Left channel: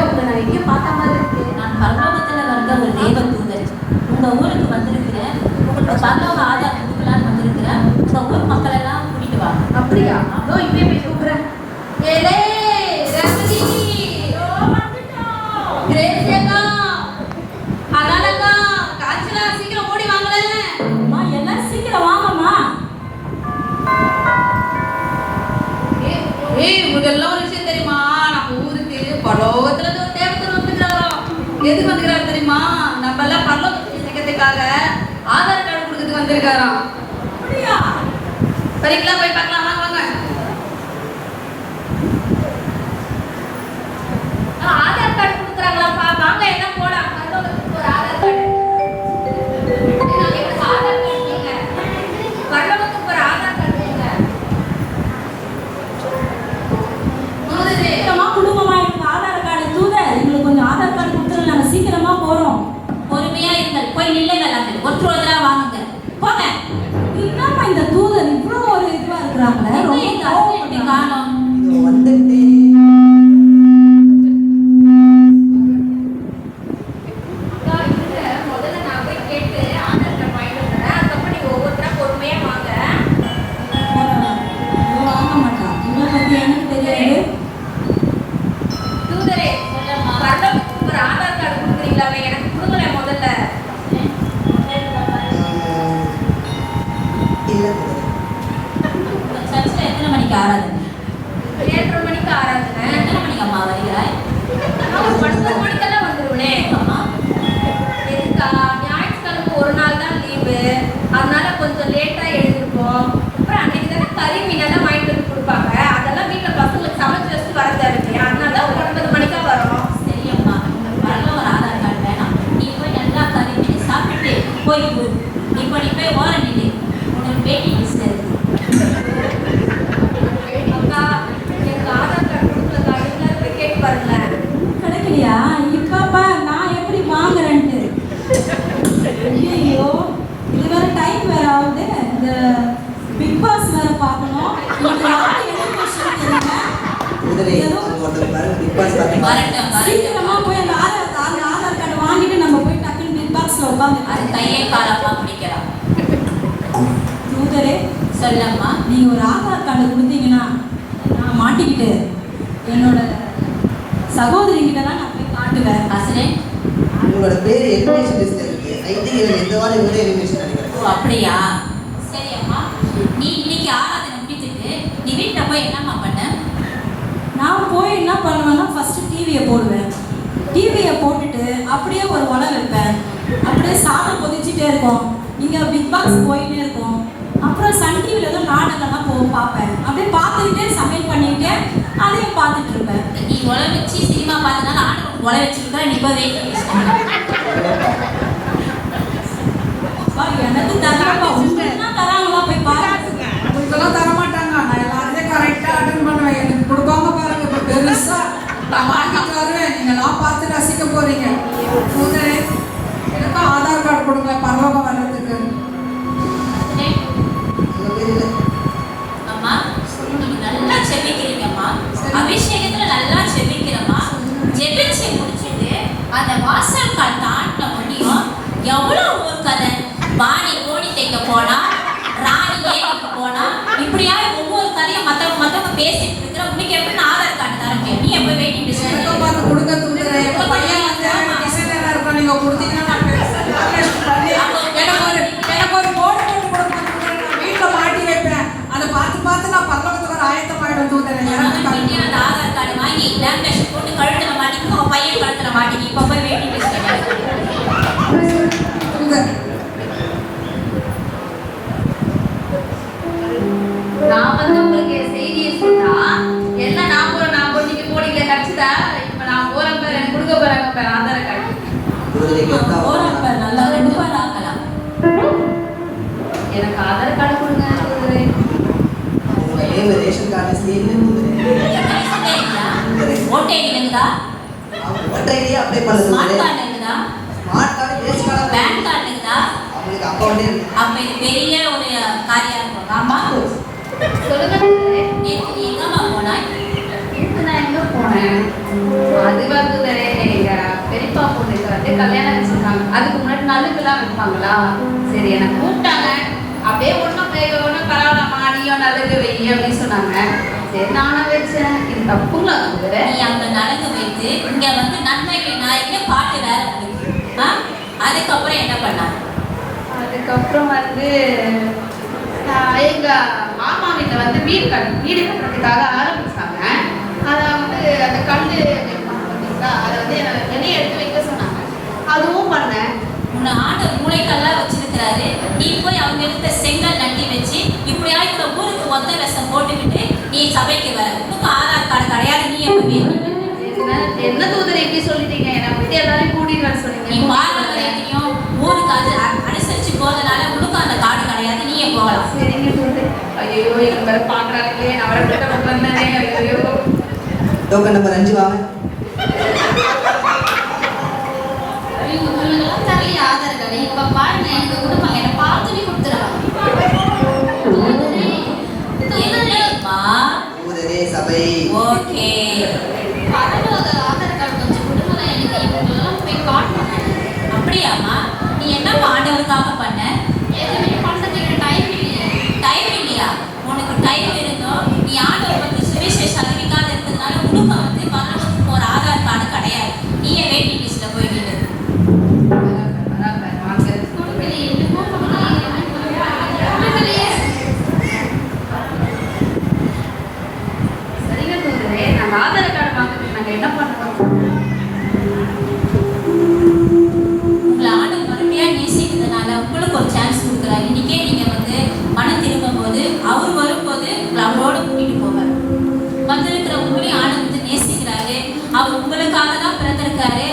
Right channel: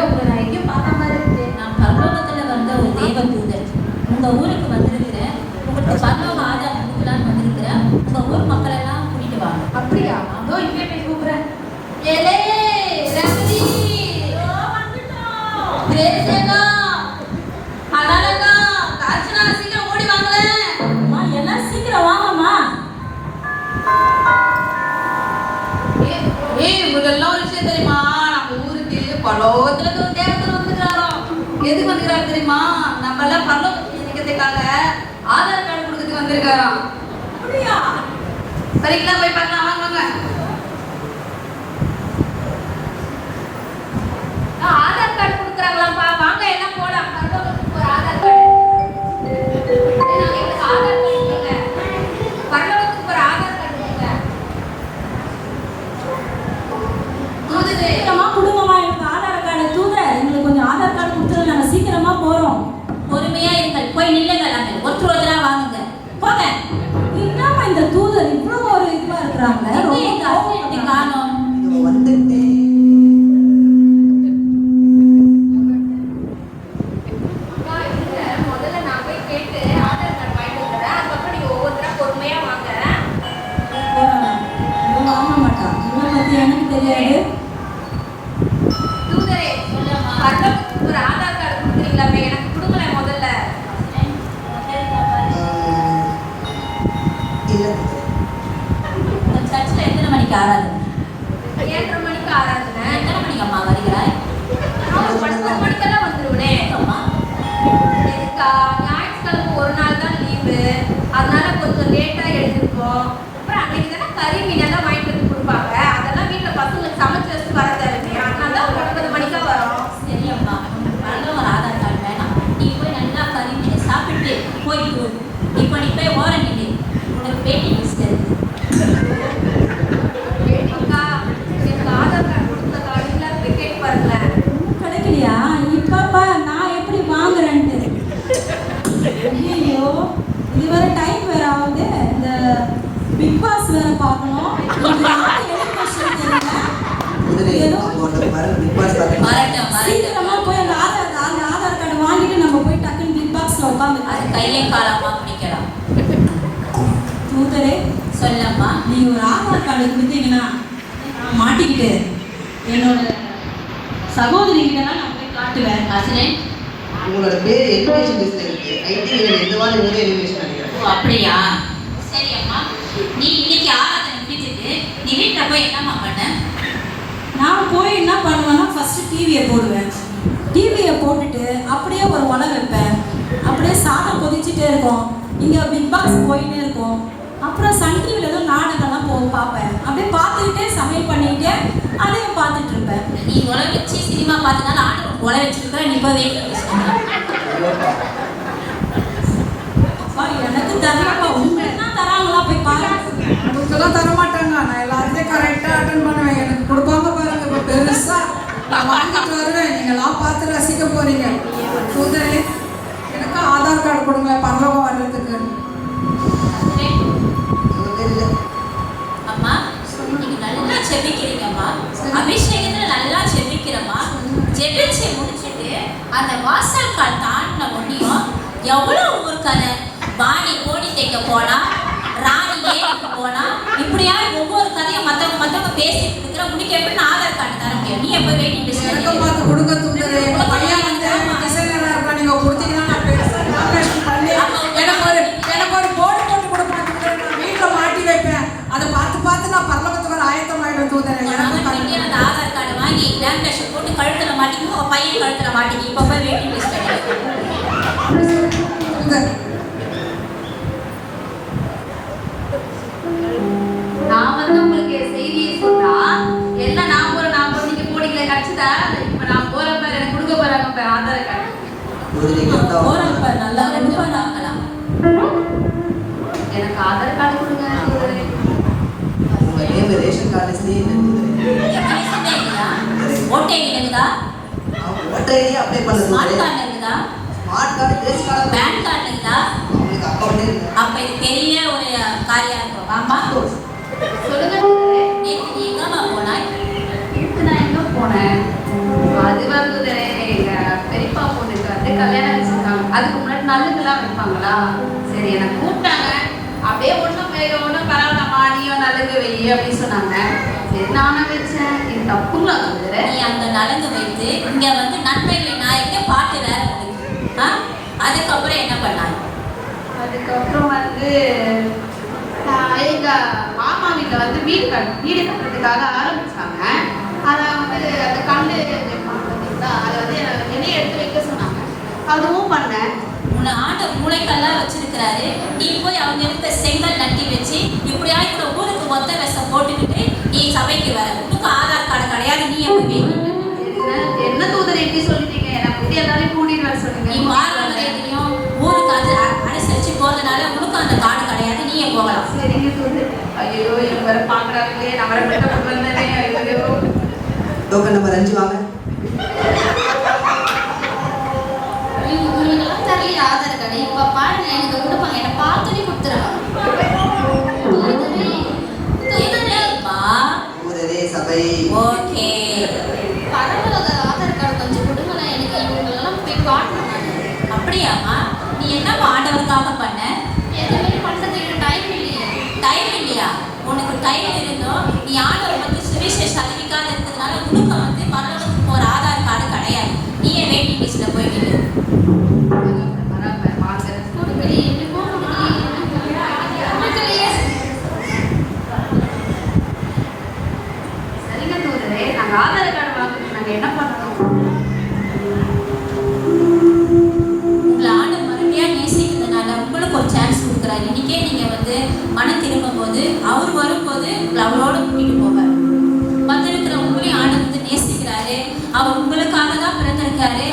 உங்களை நான் எங்கேயும் பார்த்த மாதிரி இருக்கு. நான் பரலோகத்துல வந்த ஒரு தேவ தூதர். உங்க ஊருக்கு வந்திருக்கிறேன். உங்களுக்கு பரலோக ஆதார் கொடுக்கலான்னு வந்திருக்கிறேன். உங்க ஊர் மக்கள் எல்லாம் கூட்டிட்டு வாங்க. அப்படியா? அதோ இப்பயே போய் கூப்பிடுறேன். ஏலே ரமணி, கிரேசியக்கா, அலாலக்கா, காஞ்சனா, சீக்கிரம் ஓடி வாங்களேன். அம்மா எல்லாம் சீக்கிரம் வாங்கம்மா. இதெல்லாம் ஒரு விஷயம் தெரியுமா? நம்ம ஊருக்கு பரலோகத்துல இருந்து ஒரு தேவதூதர் வந்துக்கிறாராம். எதுக்கு வந்துக்கிறாரு தெரியுமா? நம்ம எல்லாம் பரலோகத்துக்கு சேர்க்கறதுக்காக ஆதார் கார்டு கொடுக்கறதுக்கு வந்திருக்காராம். அப்படியா? சரிங்களா, போய் பார்க்கலாம். வாங்க வாங்க. ஆதார் கார்டு கொடுக்குறாங்களாப்பா, வாங்க எல்லாம் போலாம். பரலோகத்துக்கு ஒரு ஆதார் கார்டு. நாங்க எனக்கு ஆதார் கார்டு கொடுங்க. பரலோகத்துக்கு ஒரு ஆதார் கார்டு கொடுங்க. சீக்கிரமா கொடுங்கம்மா, எனக்கு ஆதார் கார்டு தூதர். எங்களுக்கு கொஞ்சம் ஆதார் கார்டு கொடுத்துருங்க, நாங்க சீக்கிரமா போறோம். பொறுமையா இருங்கள், போய் நில்லுங்கள். அங்கே ஒருத்தரா வாங்குங்க, போங்க. என்னம்மா இந்த தூதர் இவ்வளவு ஒரு இதுவா இருக்கிறாங்க? ரொம்ப காணோம். முதல்ல நான் போய் கேட்டு ஆதார் கார்டு வாங்கிட்டு வரேன். அதுக்கப்புறம் நீங்க ஒவ்வொருத்தரா பொறுமையா வாங்க. வாங்க மாட்டா, இவனை பத்தி எனக்கு தெரியாது. தூதரே, பரலோகத்துக்கு ஒரு ஆதார் கார்டு கொடுக்குறீங்களாமே, எனக்கு கொடுங்களேன் முதல்ல. சர்ச்சில் எத்தனை மணிக்கு ஆராதனை? 7:30 மணிக்கு ஆராதனை. எத்தனை மணிக்கு அம்மா வருகிறாய்? 9 மணிக்கெல்லாம் வந்துருவனே. அம்மா எதுக்கா? ஞாயிற்றுக்கிழமை ஒரு நாள் தான் லீவு, அதனால கொஞ்சம் லேட்டா எழுந்திருப்போம். அப்புறம் அன்னைக்கு தானே கறி மீனெல்லாம் வாங்கிட்டு வந்து கொடுப்பாங்க. அதெல்லாம் வீட்டில் பசங்களுக்கு சமைச்சு வச்சுட்டு வர தேவைக்கு, அதனால தான் 9 மணிக்கா வரோம். சரி அம்மா, வரல ஒரு ஆதார் கார்டு வேணாம். நீ போய் நல்லா கறி மீன் சாப்பிட்டு போய் இப்போ நீ போய் ஓர நின்று உனக்கு பேட்டி லிஸ்ட் இருக்கு. அக்கா, எனக்கு ஆதார் கார்டு கொடுக்கலக்கா, நீங்களா போய் கேட்டு வரல. கிடைக்கலையா? இப்பப்பா நான் எப்படி வாங்குறேன்ட்டு. ஐயோ, இது வேற டைம் வேற ஆகுது. இந்த பிக் பாஸ் வேற பார்க்கணும். இன்னைக்கு யாரு எலிமினேஷன் தெரியல. சீக்கிரமா போய் அந்த ஆதார் கார்டு வாங்கிட்டு நம்ம போய் டக்குன்னு பிக் பாக்ஸ்ல உட்காந்து அது கையை காலமா பிடிக்கலாம். தூதரே சொல்லம்மா, நீ ஒரு ஆதார் கார்டு கொடுத்தீங்கன்னா நான் மாட்டிக்கிட்டு என்னோட சகோதரி கிட்டலாம் நான் போய் காட்டுவேன். ஆசிரியர், உங்களோட பேர் எலிமினேஷன் லிஸ்ட்ல இருக்கு. ஐ திங்க் இந்த வாரம் இவரே எலிமினேஷன் பண்ணிக்கிறேன். ஓ அப்படியா? சரி அம்மா, நீ இன்னைக்கு ஆராதனை முடிச்சிட்டு நீ வீட்டில் போய் என்னம்மா பண்ண? நான் போய் என்ன பண்ணுவேன்னா ஃபர்ஸ்ட் டிவியை போடுவேன். டிவியை போட்டுட்டு அப்படியே ஒரு உணவு வைப்பேன். அப்படியே சாதம் கொதிச்சுட்டே இருக்கும். இங்கே பிக் பாக்ஸ் போயிட்டே இருக்கும். அப்புறம் சன் டிவியில் ஏதோ நாடகம்லாம் பார்ப்பேன். அப்படியே பார்த்துக்கிட்டே சமையல் பண்ணிக்கிட்டே அதையும் பார்த்துட்டு இருப்பேன். நீ உழை வச்சு சினிமா பார்த்தனால ஆண்டு உழை வச்சுருக்க. நீ போய் எனக்கு தரலப்பா, உங்களுக்கு தான் தராங்களா? போய் பாருங்க. உங்களுக்கெல்லாம் தரமாட்டாங்க. நான் எல்லாத்தையும் கரெக்டாக அட்டன் பண்ணுவேன். எனக்கு கொடுப்பாங்க பாருங்க, இப்போ பெருசா நான் வாங்கிட்டு வருவேன். நீங்களாம் பார்த்து ரசிக்க போறீங்க. தூதரே, எனக்கு ஆதார் கார்டு கொடுங்க பரலோகம் வர்றதுக்கு. அம்மா, நீங்க நல்லா செபிக்கிறீங்கம்மா. அபிஷேகத்துல நல்லா செபிக்கிறம்மா. ஜெபிச்சு முடிச்சுட்டு அந்த வாசல் கால் தாண்டின முடியும் எவ்வளோ ஊர் கதை. வாணி கோடி தைக்க போனா, ராணி ஏரிக்கு போனா, இப்படியாவது ஒவ்வொரு கதையும் மற்றவங்க பேசிட்டு இருக்கிற. உனக்கு எப்படி ஆதார் கார்டு தர முடியும்? நீ எப்போ வெயிட்டிங் எனக்கு பார்த்து கொடுங்க தூதரே. எங்க பையன் வந்து டிசைனராக இருக்கா, நீங்க கொடுத்தீங்கன்னா நான் பெருசாக பண்ணி எனக்கு ஒரு போர்டு போட்டு கொடுக்கணும் தூதரே. நான் வீட்டில் மாட்டி வைப்பேன். அதை பார்த்து நான் பரலோகத்துக்கு ஒரு ஆயத்தம் ஆகிடும் தூதரே. அந்த ஆதார் கார்டு வாங்கி லேமினேஷன் போட்டு கழுத்துல மாட்டிக்கணும். உங்க பையன் கழுத்துல மாட்டிக்கி. இப்போ போய் வெயிட்டிங் லிஸ்ட் நான் வந்து உங்களுக்கு செய்தியை சொன்னா எல்லாம் நான் நீங்க போடிக்கல கட்சிதா. இப்போ நான் போற பேர் எனக்கு கொடுக்க போறாங்க பாரு ஆதார் கார்டு. போறப்ப நல்லா கண்டிப்பா நாங்கலாம். எனக்கு ஆதார் கார்டு கொடுங்க தூதரே. உங்க நேம் ரேஷன் கார்டு ஸ்லீவ் ஓட்டே இருக்குதா? ஓட்டரையே அப்ளை பண்ணுங்க. ஸ்மார்ட் கார்டு இருக்குதா? Smart card, ration card, PAN card இருக்குதா? உங்களுக்கு அக்கவுண்டே இருக்கு. அப்ப இது பெரிய ஒரு காரியம் இருக்கும். ஆமா, சொல்லுங்க தூதரே. நீ எங்கம்மா போனாய்? இதுக்கு நான் எங்க போனேன்? அது வந்து கூப்பிடுவாங்களா? சரி என்னை கூப்பிட்டாங்க. அப்படியே ஒன்றும் பரவாயில்லம்மா நீயும் நல்லது வை அப்படின்னு சொன்னாங்க. சரி நானும் வச்சேன். இது தப்புங்களா தூதரே? நீ அங்க நடந்து வைத்து இங்க வந்து நன்மைகளை நாயக்கே பாட்டு வேற இருக்கு. அதுக்கப்புறம் என்ன பண்ணாங்க? அதுக்கப்புறம் வந்து எங்க மாமா வீட்டில் வந்து வீடு கட்டுறதுக்காக ஆரம்பிச்சாங்க. அதை வந்து அந்த கல் பார்த்தீங்களா, அதை வந்து வெளியே எடுத்து வைக்க சொன்னாங்க. அதுவும் பண்ணேன். உன்னை ஆண்டவர் மூளைக்கெல்லாம் வச்சிருக்கிறாரு. நீ போய் அவங்க இருக்க செங்கல் நட்டி வச்சு இப்படியா இந்த ஊருக்கு ஒத்த வேஷம் போட்டுக்கிட்டு நீ சபைக்கு வர. உனக்கு ஆதார் கார்டு கிடையாது. நீ எப்ப கேட்கணும்? என்ன தூதரை இப்படி சொல்லிட்டீங்க? நான் வந்து எல்லாரையும் கூட்டிட்டு வர நீ சொன்னீங்க. பாரம்பரியத்தையும் ஊருக்கு அனுசரிச்சு போறதுனால உனக்கு அந்த கார்டு கிடையாது. நீயே போகலாம். சரிங்க தூதர். ஐயோ இவங்க வேற பாக்குறாங்க. நான் வர வந்தேனே. ஐயோ டோக்கன் நம்பர் 5 வாங்க. இவங்கெல்லாம் தரலையே ஆதார் கார்டு. இப்ப பாருங்க எனக்கு கொடுப்பாங்க. என்னை பார்த்துட்டு கொடுத்துருவாங்க. என்னப்பா? தூதரே சபை. ஓகே. பரவாயில்ல ஆதார் கார்டு கொஞ்சம் கொடுங்க. எனக்கு இவங்களெல்லாம் போய் காட்டணும். அப்படியாம்மா? நீ என்னப்பா ஆண்டவருக்காக பண்ண? எதுவுமே பண்றதுக்கு டைம் இல்லையா? டைம் இல்லையா? உனக்கு டைம் இருந்தோம். நீ ஆண்டவர் பத்தி சுவிசேஷம் அறிவிக்காத இருக்கிறதுனால உனக்கு வந்து பரலோகத்துக்கு போற ஆதார் கார்டு கிடையாது. நீயே வெயிட்டிங் லிஸ்ட்ல போயிட்டு கொடுக்கலையே. சரிங்க தூதரே, நாங்க ஆதார் கார்டு வாங்கிட்டு நாங்க என்ன பண்ணணும்? உங்களை ஆண்டவர் மறுபடியா நேசிக்கிறதுனால உங்களுக்கு ஒரு சான்ஸ் கொடுக்குறாரு. இன்னைக்கே நீங்க வந்து மனம் திரும்பும் போது அவர் வரும்போது உங்களை அவரோட கூட்டிட்டு போவார். வந்திருக்கிற உங்களையும் ஆண்டவர் வந்து நேசிக்கிறாரு. அவர் உங்களுக்காக தான் பிறந்திருக்காரு.